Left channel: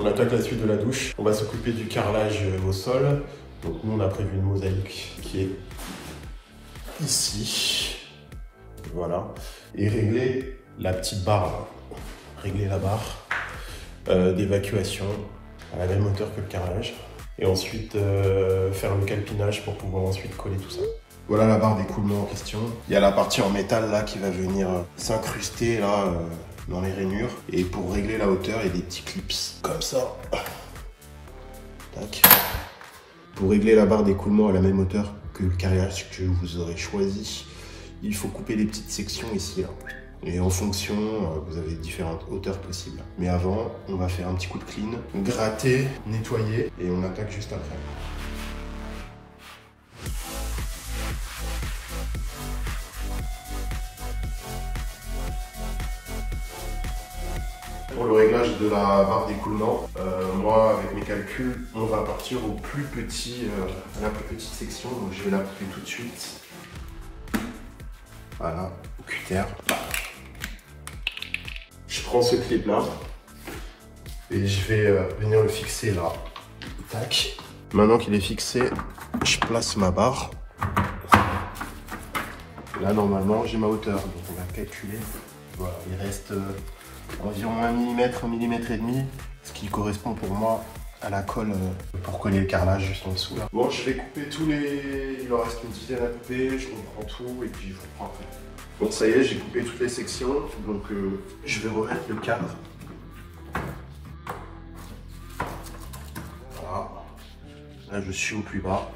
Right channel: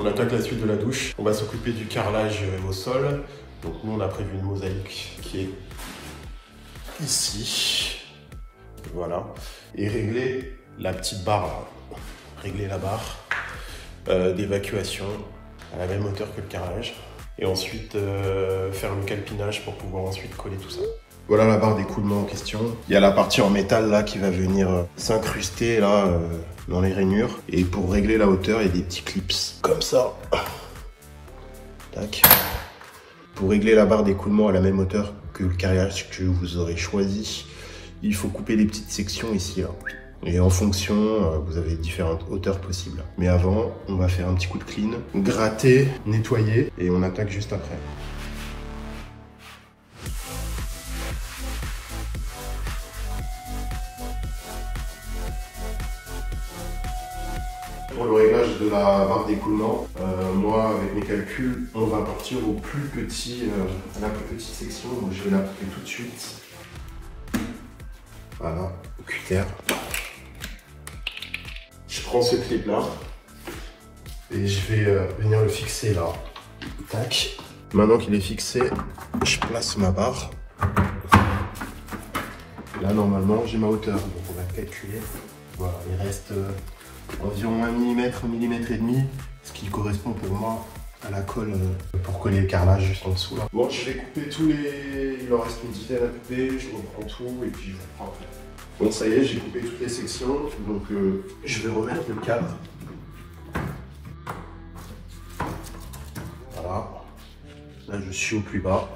On attaque la suite de la douche. On va s'occuper du carrelage au sol. Donc nous on a prévu une mosaïque qui est ici. Voilà. Et régler la petite barre là. Régler la barre d'évacuation à la même hauteur que le carrelage. Et ensuite faire le calpinage pour pouvoir ensuite coller tout ça. Voilà la barre d'écoulement en question. Il y a la partie en métal là qui va venir s'incruster là dans les rainures. Et pour régler la hauteur, il y a des petits clips comme ça. Tac. Pour régler la barre d'écoulement à la même hauteur que le carrelage que vous aurez choisi, il faut couper des petites sections ici là. Et en fonction, vous avez différentes hauteurs possibles. Mais avant, on va faire un petit coup de clean, gratter, nettoyer et on attaque juste après. Pour le réglage de la barre d'écoulement, moi avec mes calculs, on va partir au plus petit, à la plus petite section. Donc je vais la couper tout de suite. Voilà, au cutter. Je prends ce clip là et je vais venir le fixer là. Tac. Maintenant qu'il est fixé, je place ma barre. Là normalement j'ai ma hauteur, donc on va calculer. Voilà, il reste environ 1 mm, 1 mm et demi, ce qui correspond pour moi à la colle pour coller le carrelage juste en dessous là. Bon, je vais couper tous les... Il en reste une dizaine à couper, je reprends tout et puis je reprends après. Bon, ça y est, j'ai coupé toutes les sections, donc je vais remettre le cadre. Voilà. Là, je suis au plus bas.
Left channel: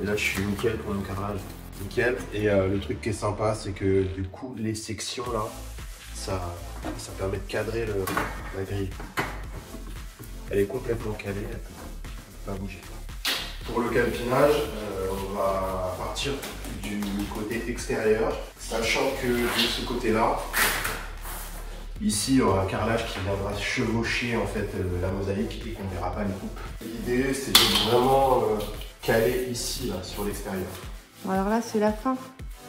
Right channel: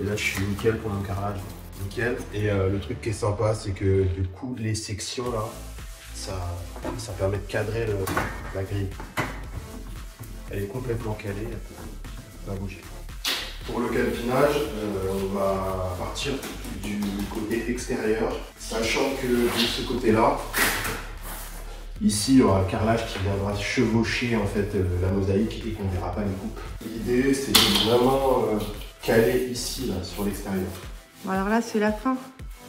Et là, je suis nickel pour le carrelage. Nickel. Et le truc qui est sympa, c'est que du coup, les sections là, ça permet de cadrer la grille. Elle est complètement calée, elle ne peut pas bouger. Pour le calpinage, on va partir du côté extérieur, sachant que de ce côté-là, ici, il y aura un carrelage qui viendra chevaucher en fait la mosaïque et qu'on ne verra pas les coupes. L'idée, c'est de vraiment caler ici, là, sur l'extérieur. Bon, alors là, c'est la fin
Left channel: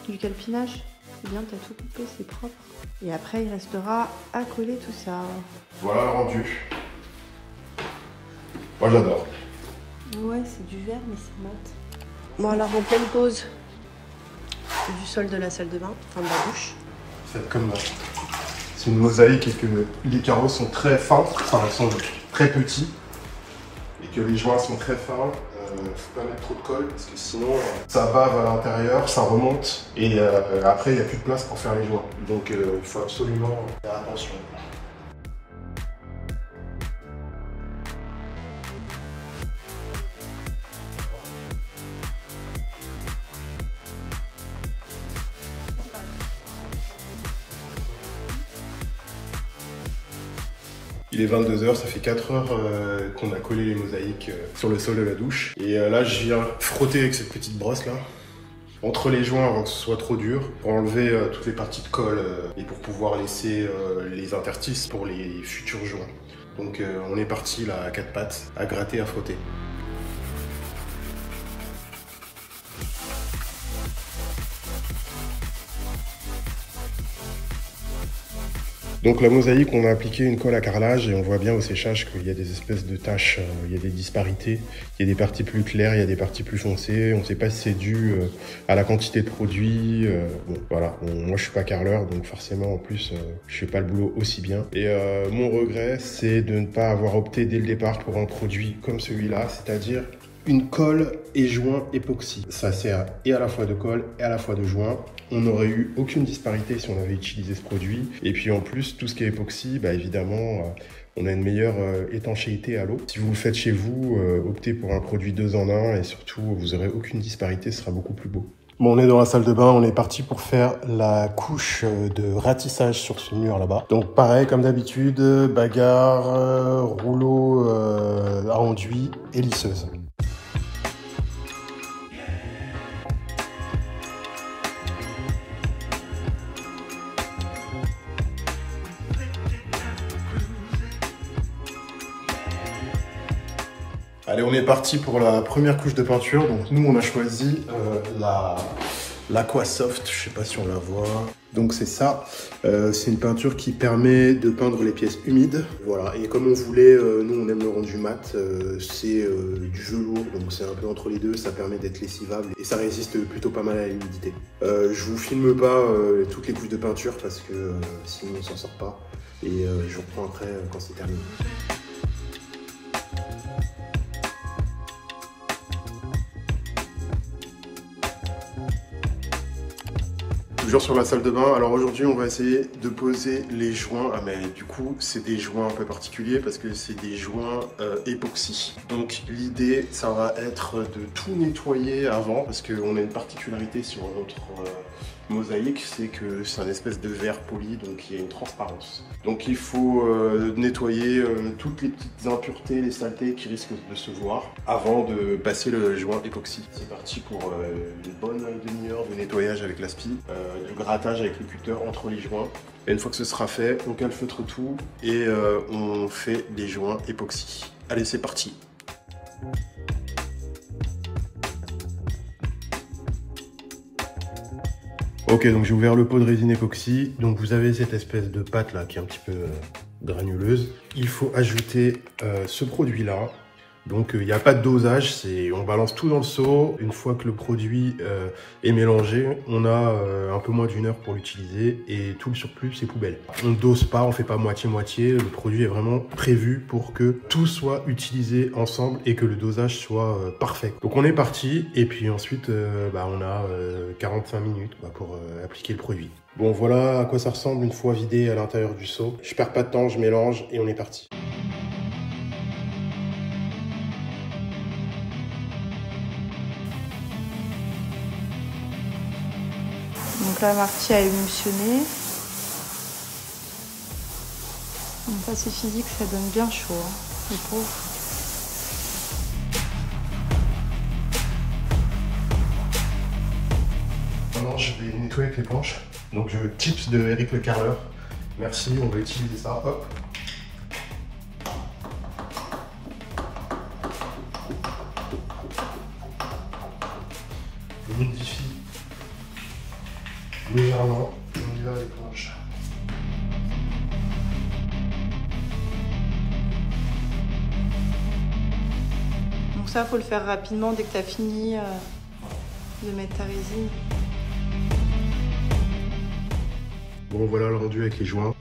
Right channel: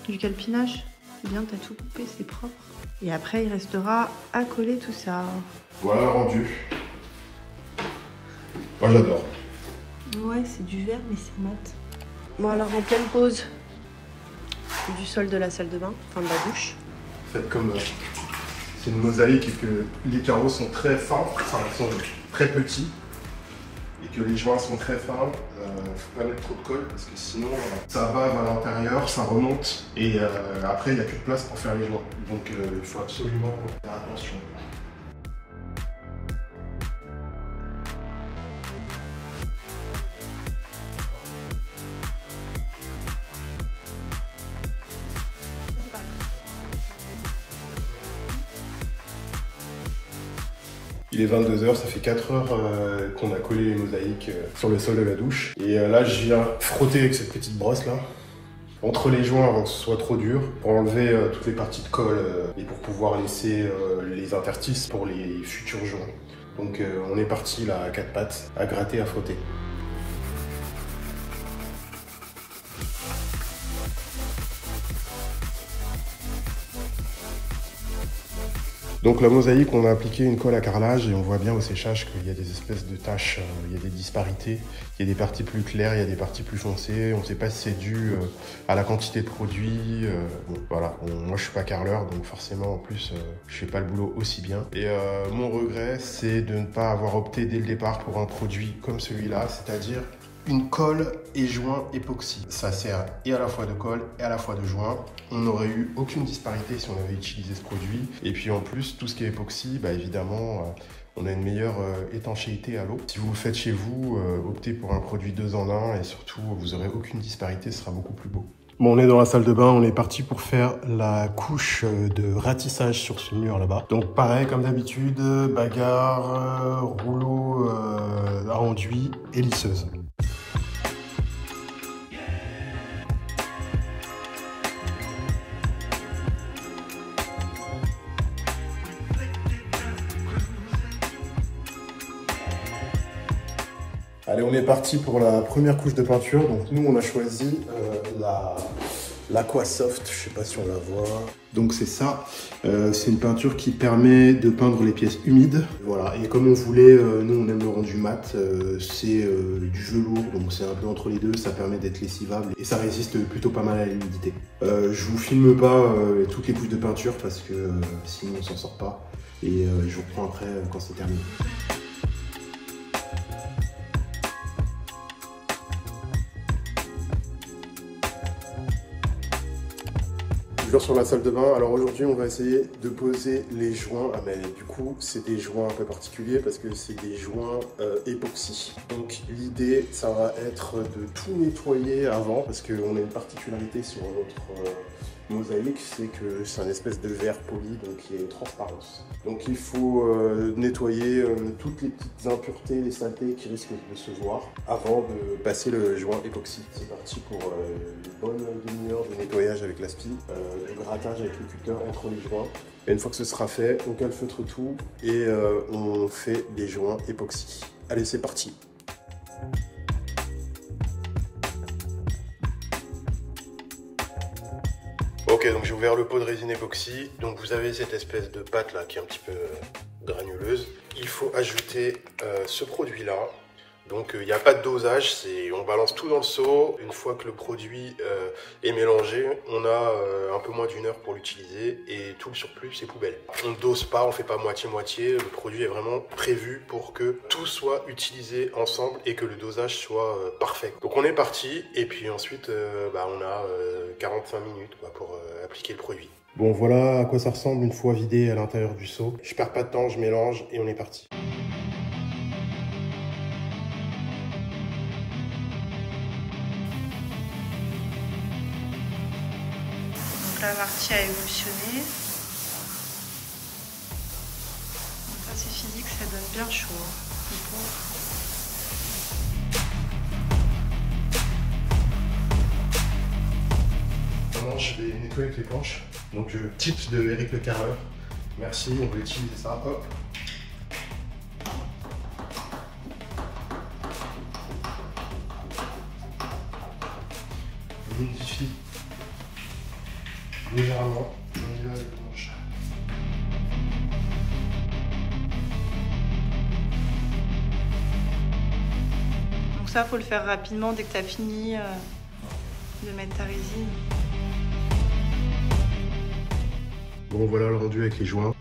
du calpinage. C'est bien, tu as tout coupé, c'est propre. Et après, il restera à coller tout ça. Voilà le rendu. Moi, j'adore. Ouais, c'est du verre, mais c'est mat. Bon, alors en pleine pause du sol de la salle de bain, enfin de la douche. Faites comme c'est une mosaïque et que les carreaux sont très fins, enfin ils sont très petits, et que les joints sont très fins, faut pas mettre trop de colle parce que sinon ça bave à l'intérieur, ça remonte et après il n'y a plus de place pour faire les joints. Donc il faut absolument faire attention. Il est 22 h, ça fait 4 heures qu'on a collé les mosaïques sur le sol de la douche. Et là, je viens frotter avec cette petite brosse là, entre les joints avant que ce soit trop dur, pour enlever toutes les parties de colle et pour pouvoir laisser les interstices pour les futurs joints. Donc on est parti là à 4 pattes, à gratter, à frotter. Donc la mosaïque, on a appliqué une colle à carrelage et on voit bien au séchage qu'il y a des espèces de taches, il y a des disparités. Il y a des parties plus claires, il y a des parties plus foncées. On ne sait pas si c'est dû à la quantité de produit. Bon, voilà, moi je suis pas carreleur, donc forcément en plus je fais pas le boulot aussi bien. Et mon regret, c'est de ne pas avoir opté dès le départ pour un produit comme celui-là, c'est-à-dire une colle et joint époxy. Ça sert et à la fois de colle et à la fois de joint. On n'aurait eu aucune disparité si on avait utilisé ce produit. Et puis en plus, tout ce qui est époxy, bah évidemment, on a une meilleure étanchéité à l'eau. Si vous le faites chez vous, optez pour un produit 2 en 1 et surtout, vous n'aurez aucune disparité, ce sera beaucoup plus beau. Bon, on est dans la salle de bain, on est parti pour faire la couche de ratissage sur ce mur là-bas. Donc pareil, comme d'habitude, bagarre, rouleau à enduit et lisseuse. Allez, on est parti pour la première couche de peinture. Donc nous, on a choisi l'Aquasoft, je sais pas si on la voit. Donc c'est ça, c'est une peinture qui permet de peindre les pièces humides. Voilà, et comme on voulait, nous on aime le rendu mat, c'est du velours, donc c'est un peu entre les deux, ça permet d'être lessivable et ça résiste plutôt pas mal à l'humidité. Je vous filme pas toutes les couches de peinture parce que sinon on s'en sort pas, et je vous reprends après quand c'est terminé. Toujours sur la salle de bain. Alors aujourd'hui on va essayer de poser les joints. Ah mais du coup c'est des joints un peu particuliers parce que c'est des joints époxy. Donc l'idée ça va être de tout nettoyer avant parce qu'on a une particularité sur notre mosaïque, c'est que c'est un espèce de verre poli, donc il y a une transparence. Donc il faut nettoyer toutes les petites impuretés, les saletés qui risquent de se voir avant de passer le joint époxy. C'est parti pour une bonne demi-heure de nettoyage avec l'aspi, de grattage avec le cutter entre les joints. Et une fois que ce sera fait, on calfeutre tout et on fait des joints époxy. Allez, c'est parti! Ok, donc j'ai ouvert le pot de résine époxy. Donc vous avez cette espèce de pâte là qui est un petit peu granuleuse. Il faut ajouter ce produit là. Donc il n'y a pas de dosage, on balance tout dans le seau. Une fois que le produit est mélangé, on a un peu moins d'1 heure pour l'utiliser et tout le surplus c'est poubelle. On ne dose pas, on ne fait pas moitié-moitié. Le produit est vraiment prévu pour que tout soit utilisé ensemble et que le dosage soit parfait. Donc on est parti et puis ensuite on a 45 minutes pour appliquer le produit. Bon voilà à quoi ça ressemble une fois vidé à l'intérieur du seau. Je perds pas de temps, je mélange et on est parti. Donc là, Marty a émulsionné. Donc ça, c'est physique, ça donne bien chaud. Le pauvre. Maintenant, je vais nettoyer avec l'éponge. Donc, je tips de Eric Le Carreur. Merci, on va utiliser ça. Hop. Je modifie légèrement, on y va avec l'éponge. Donc ça, faut le faire rapidement dès que tu as fini de mettre ta résine. Bon voilà le rendu avec les joints,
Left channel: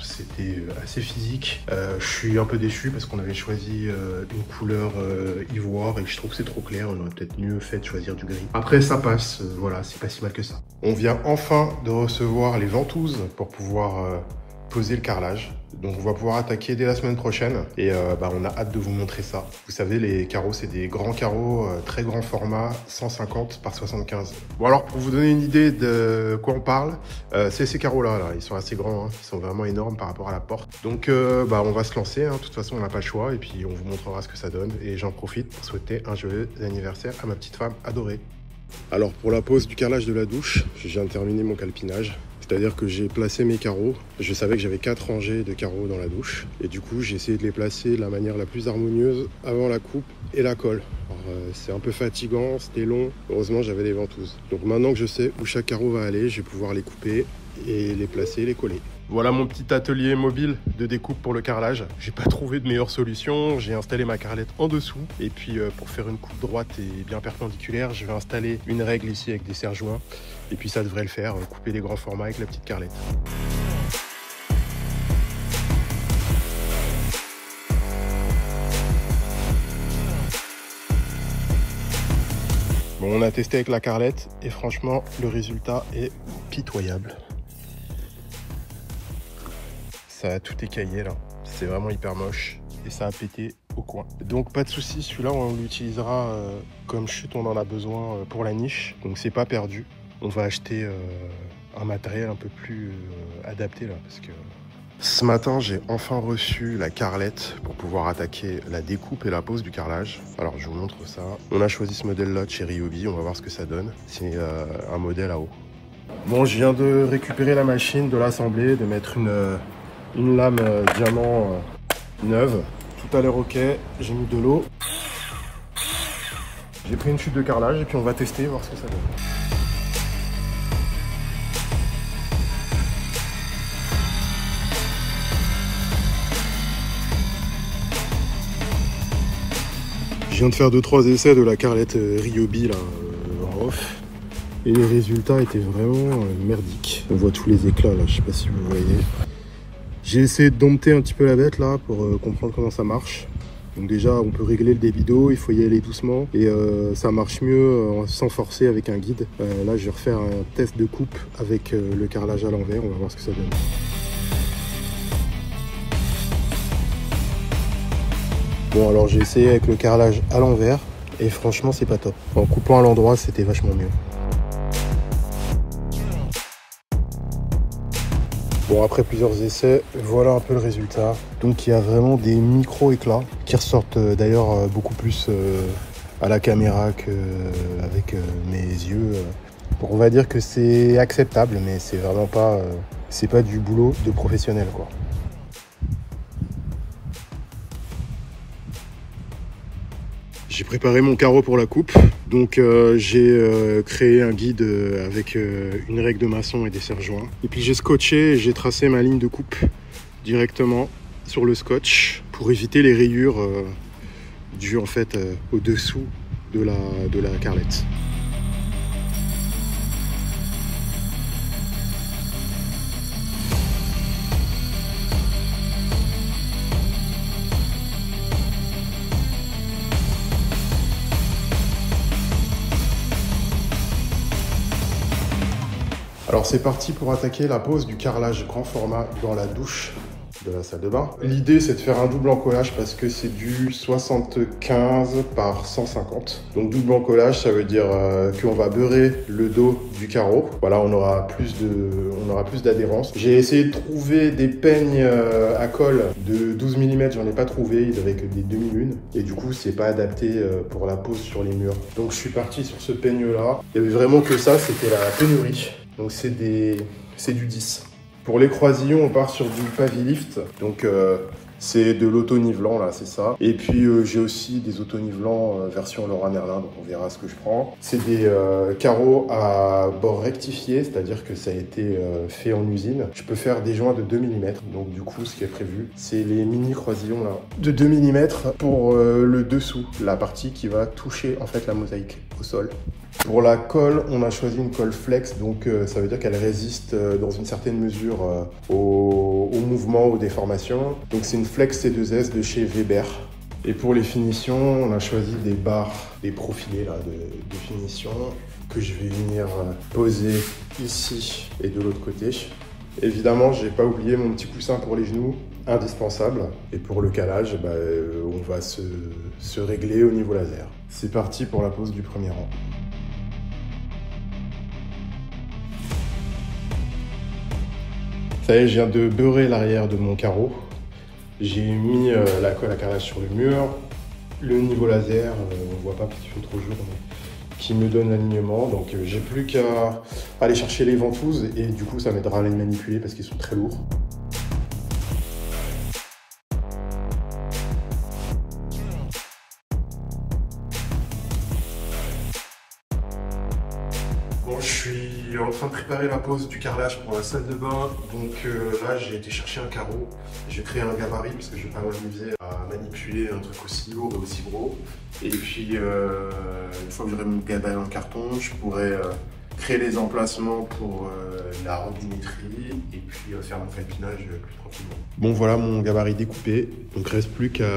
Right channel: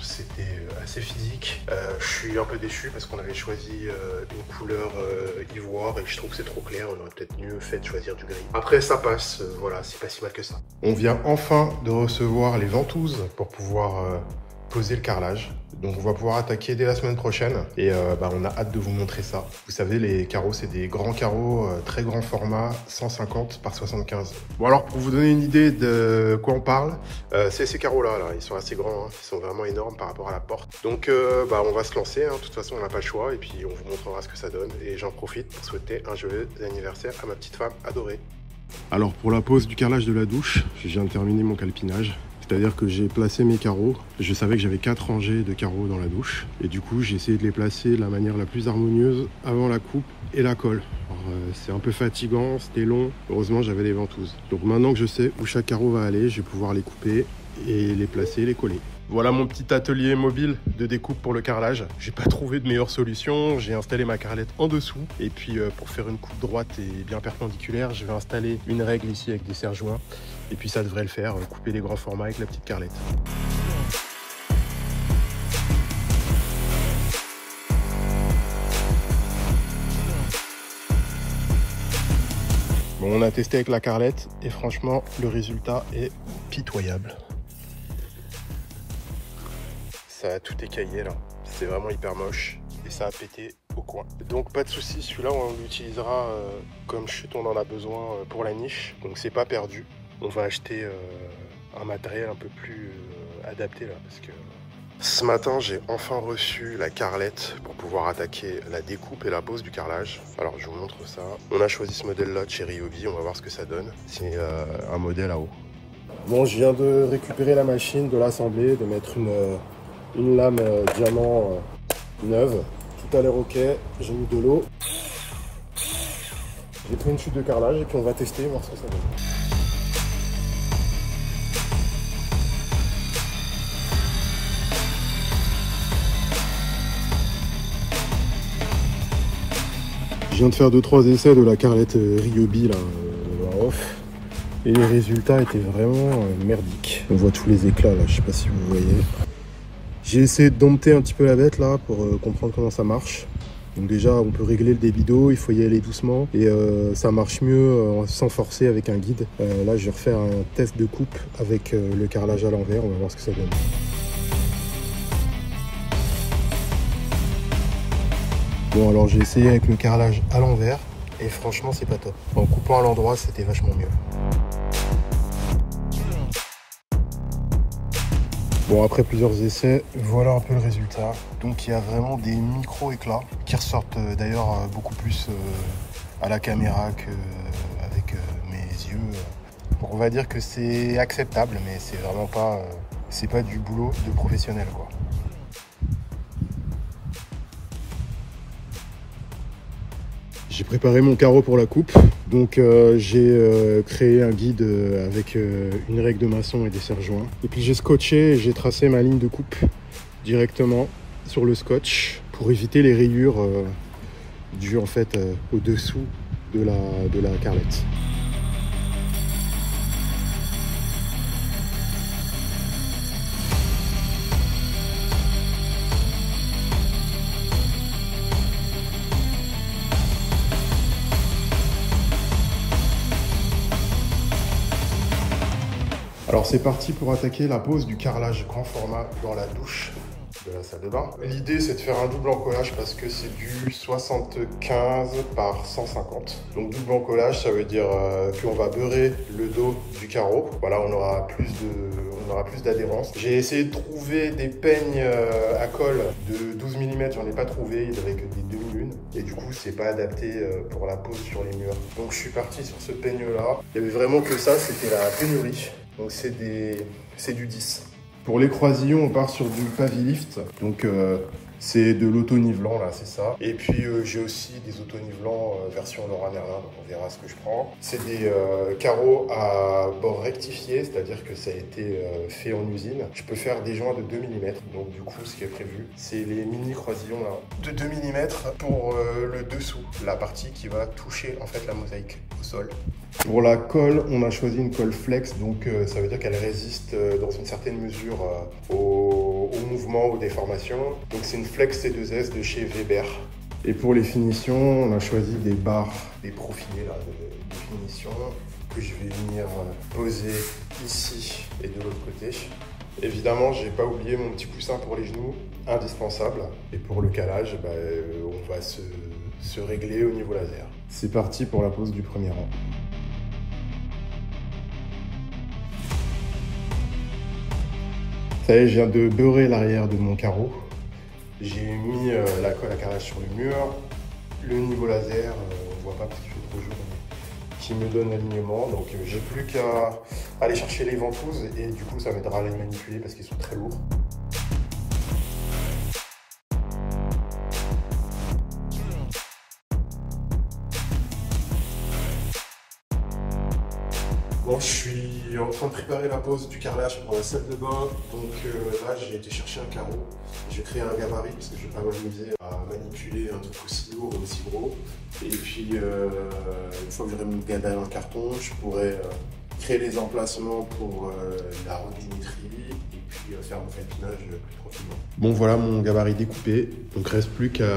c'était assez physique. Je suis un peu déçu parce qu'on avait choisi une couleur ivoire et je trouve que c'est trop clair, on aurait peut-être mieux fait de choisir du gris. Après ça passe, voilà, c'est pas si mal que ça. On vient enfin de recevoir les ventouses pour pouvoir poser le carrelage. Donc on va pouvoir attaquer dès la semaine prochaine et on a hâte de vous montrer ça. Vous savez, les carreaux, c'est des grands carreaux, très grand format, 150 par 75. Bon alors, pour vous donner une idée de quoi on parle, c'est ces carreaux-là, ils sont assez grands, ils sont vraiment énormes par rapport à la porte. Donc on va se lancer, de toute façon on n'a pas le choix et puis on vous montrera ce que ça donne. Et j'en profite pour souhaiter un joyeux anniversaire à ma petite femme adorée. Alors pour la pose du carrelage de la douche, je viens de terminer mon calpinage. C'est-à-dire que j'ai placé mes carreaux. Je savais que j'avais 4 rangées de carreaux dans la douche. Et du coup, j'ai essayé de les placer de la manière la plus harmonieuse avant la coupe et la colle. C'est un peu fatigant, c'était long. Heureusement, j'avais des ventouses. Donc maintenant que je sais où chaque carreau va aller, je vais pouvoir les couper et les placer, les coller. Voilà mon petit atelier mobile de découpe pour le carrelage. J'ai pas trouvé de meilleure solution. J'ai installé ma carrelette en dessous. Et puis pour faire une coupe droite et bien perpendiculaire, je vais installer une règle ici avec des serre-joints. Et puis ça devrait le faire, couper les grands formats avec la petite carrelette. Bon, on a testé avec la carrelette et franchement, le résultat est pitoyable. Ça a tout écaillé là. C'est vraiment hyper moche et ça a pété au coin. Donc pas de souci, celui-là on l'utilisera comme chute, on en a besoin pour la niche. Donc c'est pas perdu. On va acheter un matériel un peu plus adapté là. Parce que ce matin, j'ai enfin reçu la carrelette pour pouvoir attaquer la découpe et la pose du carrelage. Alors je vous montre ça. On a choisi ce modèle-là de chez Ryobi, on va voir ce que ça donne. C'est un modèle à eau. Bon, je viens de récupérer la machine, de l'assembler, de mettre une lame diamant neuve. Tout a l'air ok, j'ai mis de l'eau. J'ai pris une chute de carrelage et puis on va tester, voir ce que ça donne. viens de faire 2-3 essais de la carrelette Ryobi là, en off. Et les résultats étaient vraiment merdiques. On voit tous les éclats là, je sais pas si vous voyez. J'ai essayé de dompter un petit peu la bête là pour comprendre comment ça marche. Donc déjà on peut régler le débit d'eau, il faut y aller doucement et ça marche mieux sans forcer avec un guide. Là je vais refaire un test de coupe avec le carrelage à l'envers, on va voir ce que ça donne. Bon alors j'ai essayé avec le carrelage à l'envers et franchement c'est pas top. En coupant à l'endroit c'était vachement mieux. Bon, après plusieurs essais, voilà un peu le résultat. Donc il y a vraiment des micro-éclats qui ressortent d'ailleurs beaucoup plus à la caméra qu'avec mes yeux. Bon, on va dire que c'est acceptable, mais c'est vraiment pas, c'est pas du boulot de professionnel, quoi. J'ai préparé mon carreau pour la coupe, donc j'ai créé un guide avec une règle de maçon et des serre-joints. Et puis j'ai scotché et j'ai tracé ma ligne de coupe directement sur le scotch pour éviter les rayures dues en fait au-dessous de la carrelette. Alors c'est parti pour attaquer la pose du carrelage grand format dans la douche de la salle de bain. L'idée c'est de faire un double encollage parce que c'est du 75 par 150. Donc double encollage ça veut dire qu'on va beurrer le dos du carreau. Voilà, on aura plus d'adhérence. J'ai essayé de trouver des peignes à colle de 12 mm, j'en ai pas trouvé, ils avaient que des demi-lunes. Et du coup c'est pas adapté pour la pose sur les murs. Donc je suis parti sur ce peigne là. Il y avait vraiment que ça, c'était la pénurie. Donc c'est du 10. Pour les croisillons, on part sur du Pavilift. Donc c'est de l'auto-nivelant là, c'est ça. Et puis j'ai aussi des auto-nivelants version Leroy Merlin, donc on verra ce que je prends. C'est des carreaux à bord rectifié, c'est-à-dire que ça a été fait en usine. Je peux faire des joints de 2 mm. Donc du coup, ce qui est prévu, c'est les mini croisillons là de 2 mm pour le dessous, la partie qui va toucher en fait la mosaïque au sol. Pour la colle, on a choisi une colle flex, donc ça veut dire qu'elle résiste dans une certaine mesure au mouvement, aux déformations. Donc c'est une flex C2S de chez Weber. Et pour les finitions, on a choisi des barres, des profilés là, de finition que je vais venir poser ici et de l'autre côté. Évidemment, j'ai pas oublié mon petit coussin pour les genoux, indispensable. Et pour le calage, on va se régler au niveau laser. C'est parti pour la pose du premier rang. Ça y est, je viens de beurrer l'arrière de mon carreau. J'ai mis la colle à carrelage sur le mur. Le niveau laser, on voit pas parce qu'il fait trop jour, mais qui me donne l'alignement. Donc j'ai plus qu'à aller chercher les ventouses et du coup ça m'aidera à les manipuler parce qu'ils sont très lourds. Bon, je suis en train de préparer la pose du carrelage pour la salle de bain. Donc là, j'ai été chercher un carreau. J'ai créé un gabarit parce que je ne vais pas m'amuser à manipuler un truc aussi lourd et aussi gros. Et puis, une fois que j'aurai mon gabarit en carton, je pourrai créer les emplacements pour la robinetterie et puis faire mon calpinage plus tranquillement. Bon, voilà mon gabarit découpé. Donc reste plus qu'à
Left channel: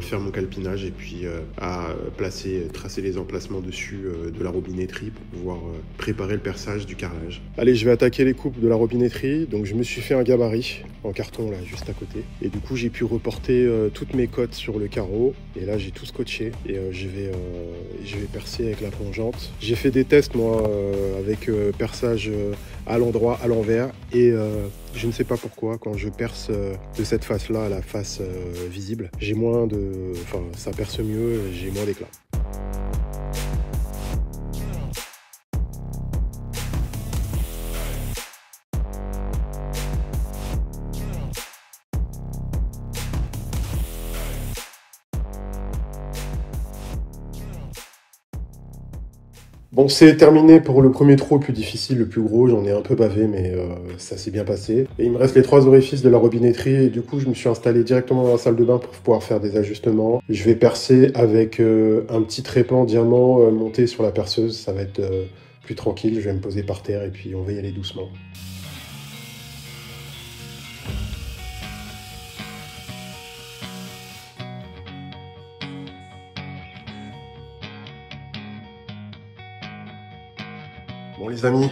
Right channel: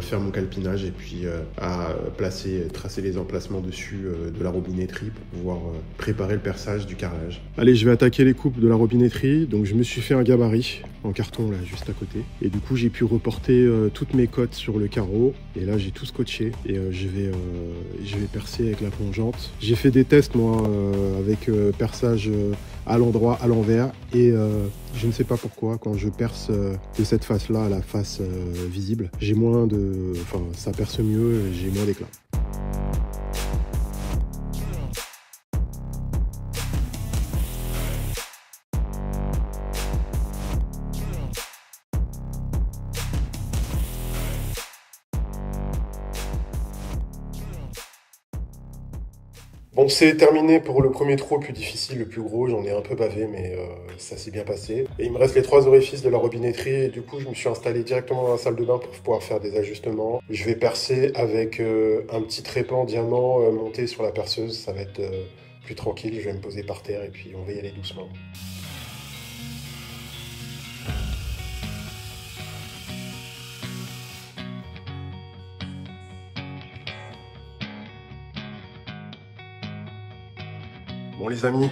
faire mon calpinage et puis à tracer les emplacements dessus de la robinetterie pour pouvoir préparer le perçage du carrelage. Allez, je vais attaquer les coupes de la robinetterie. Donc je me suis fait un gabarit en carton là juste à côté. Et du coup j'ai pu reporter toutes mes cotes sur le carreau. Et là j'ai tout scotché et je vais percer avec la plongeante. J'ai fait des tests moi avec perçage à l'endroit, à l'envers, et je ne sais pas pourquoi quand je perce de cette face là à la face visible, j'ai moins de, enfin ça perce mieux, j'ai moins d'éclat. Bon, c'est terminé pour le premier trou le plus difficile, le plus gros. J'en ai un peu bavé, mais ça s'est bien passé. Et il me reste les 3 orifices de la robinetterie. Et du coup, je me suis installé directement dans la salle de bain pour pouvoir faire des ajustements. Je vais percer avec un petit trépan diamant monté sur la perceuse. Ça va être plus tranquille. Je vais me poser par terre et puis on va y aller doucement. Bon les amis,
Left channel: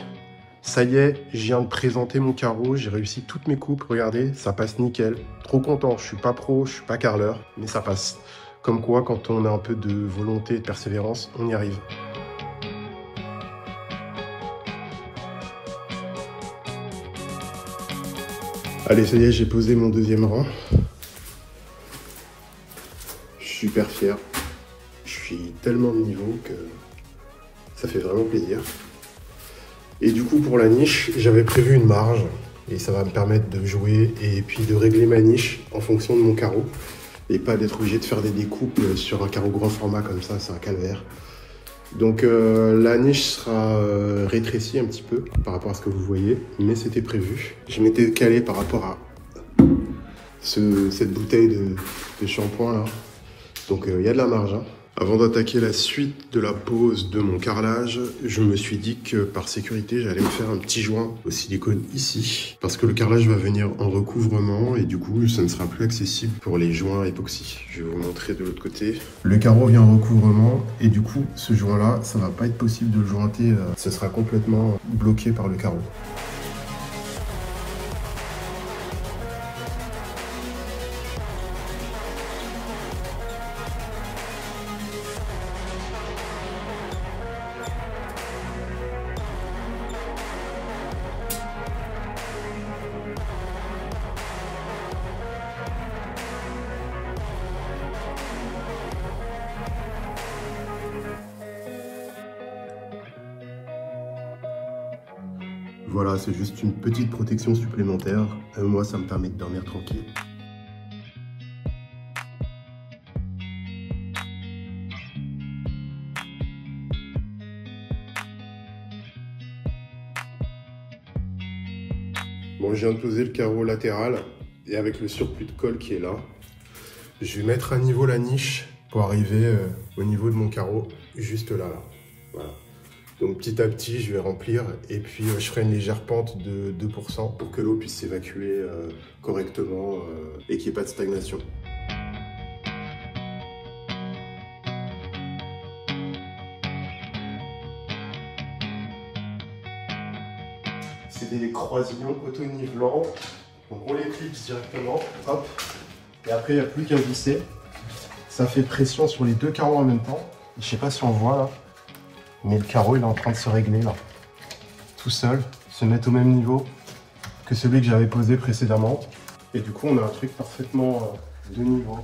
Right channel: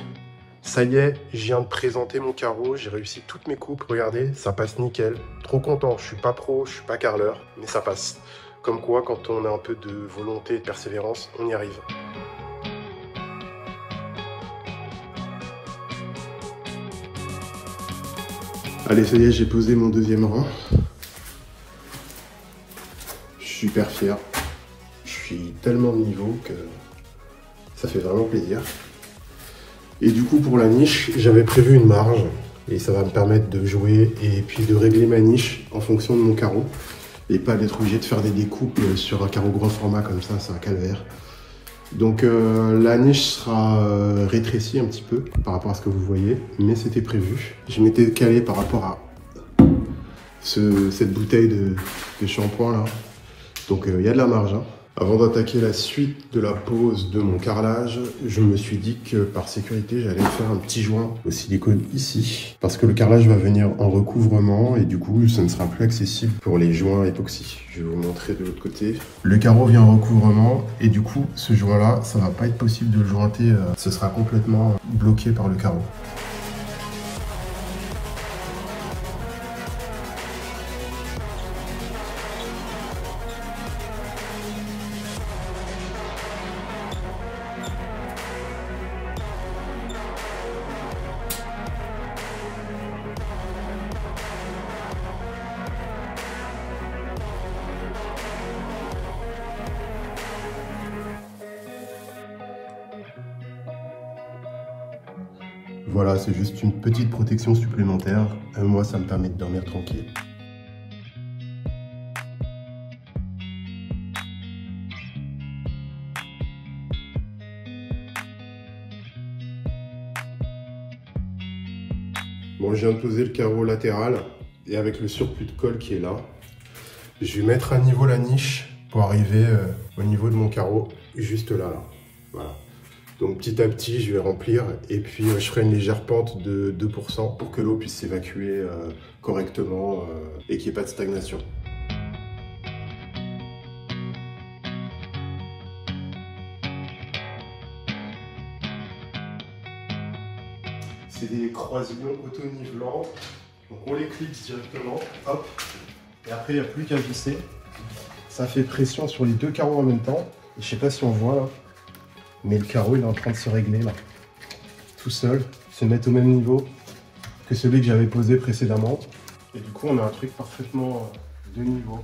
ça y est, je viens de présenter mon carreau, j'ai réussi toutes mes coupes, regardez, ça passe nickel. Trop content, je suis pas pro, je suis pas carreleur, mais ça passe. Comme quoi, quand on a un peu de volonté et de persévérance, on y arrive. Allez, ça y est, j'ai posé mon deuxième rang. Je suis super fier. Je suis tellement de niveau que ça fait vraiment plaisir. Et du coup, pour la niche, j'avais prévu une marge et ça va me permettre de jouer et puis de régler ma niche en fonction de mon carreau et pas d'être obligé de faire des découpes sur un carreau grand format comme ça, c'est un calvaire. Donc la niche sera rétrécie un petit peu par rapport à ce que vous voyez, mais c'était prévu. Je m'étais calé par rapport à cette bouteille de shampoing là. Donc il y a de la marge, hein. Avant d'attaquer la suite de la pose de mon carrelage, je me suis dit que par sécurité, j'allais me faire un petit joint au silicone ici. Parce que le carrelage va venir en recouvrement et du coup, ça ne sera plus accessible pour les joints époxy. Je vais vous montrer de l'autre côté. Le carreau vient en recouvrement et du coup, ce joint-là, ça va pas être possible de le jointer. Ce sera complètement bloqué par le carreau. Voilà, c'est juste une petite protection supplémentaire. Moi, ça me permet de dormir tranquille. Bon, je viens de poser le carreau latéral et avec le surplus de colle qui est là, je vais mettre à niveau la niche pour arriver au niveau de mon carreau, juste là. Voilà. Donc petit à petit, je vais remplir et puis je ferai une légère pente de 2% pour que l'eau puisse s'évacuer correctement et qu'il n'y ait pas de stagnation. C'est des croisillons auto-nivelants. Donc on les clipse directement, hop. Et après, il n'y a plus qu'à visser. Ça fait pression sur les deux carreaux en même temps. Je ne sais pas si on voit là. Mais le carreau il est en train de se régler là, tout seul, se mettre au même niveau que celui que j'avais posé précédemment. Et du coup on a un truc parfaitement de niveau.